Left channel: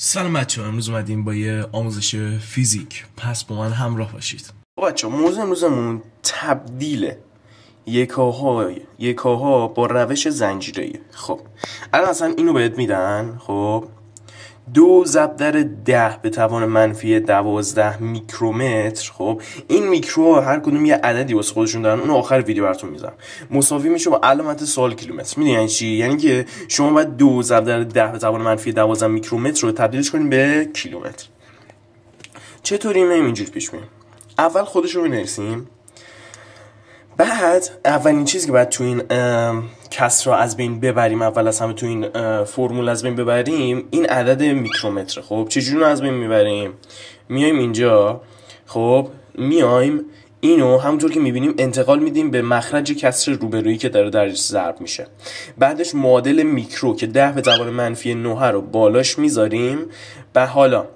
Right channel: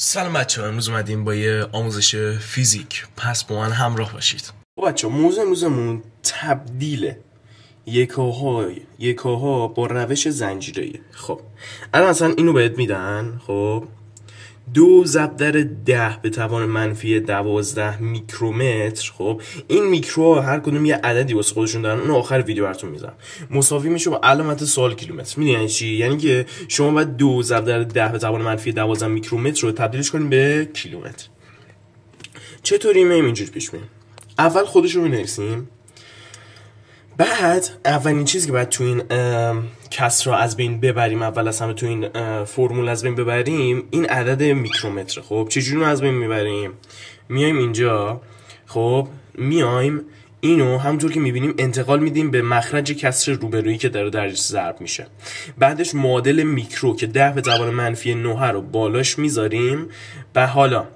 سلام بچه ها، امروز اومدیم با یه آموزش فیزیک. پس با من همراه باشید. بچه ها، موضوع امروزمون تبدیل یکاها با روش زنجیره‌ای. خب الان اصلا اینو بهت میدن. خب 2×10⁻¹² میکرومتر. خب این میکرو هر کدوم یه عددی واسه خودشون دارن، اون آخر ویدیو براتون میذارم. مساوی میشه با علامت سوال کیلومتر. میدونی یعنی چی؟ یعنی که شما باید 2×10⁻¹² میکرومتر رو تبدیلش کنیم به کیلومتر. چطوری میایم اینجوری پیش میریم؟ اول خودش رو بنویسیم، بعد اولین چیزی که باید تو این کسر رو از بین ببریم، اول از همه تو این فرمول از بین ببریم، این عدد میکرومتر. خب چجوری رو از بین میبریم؟ میایم اینجا، خب میایم اینو همونطور که میبینیم انتقال میدیم به مخرج کسر روبرویی که داره درش ضرب میشه. بعدش معادل میکرو که 10⁻−9 رو بالاش میذاریم. و حالا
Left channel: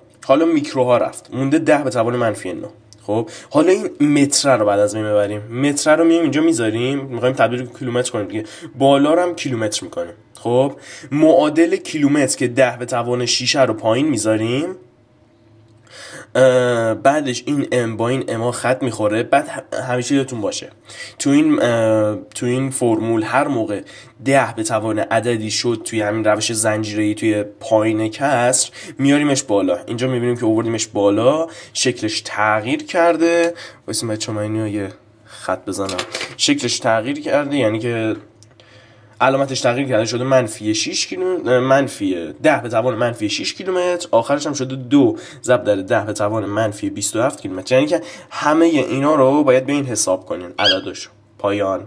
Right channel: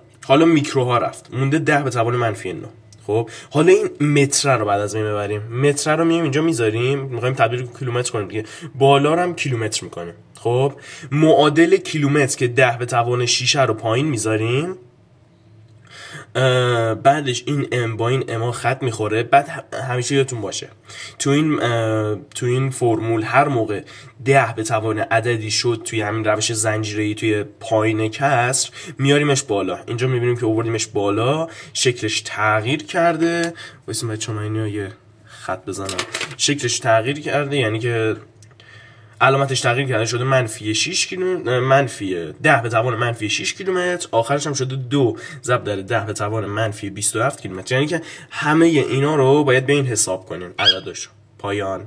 میکروها رفت، مونده 10⁻−9. خب حالا این متر رو بعد از بین ببریم. متر رو میایم اینجا میذاریم، میخوایم تبدیل کیلومتر کنیم دیگه، بالا رو هم کیلومتر میکنیم. خب معادل کیلومتر که 10⁻6 رو پایین میذاریم. بعدش این ام با این اما خط میخوره. بعد همیشه یادتون باشه تو این فرمول هر موقع 10 به توان عددی شد توی همین روش زنجیره‌ای توی پایین کسر، میاریمش بالا. اینجا میبینیم که آوردیمش بالا، شکلش تغییر کرده. واسه بچه‌ها من اینو یه خط بزنم. شکلش تغییر کرده یعنی که علامتش تغییر کرده، شده -6 کیلومتر، -10⁻−6 کیلومتر. آخرش هم شده 2×10⁻−27 کیلومتر. یعنی که همه اینا رو باید به این حساب کنین عددش. پایان.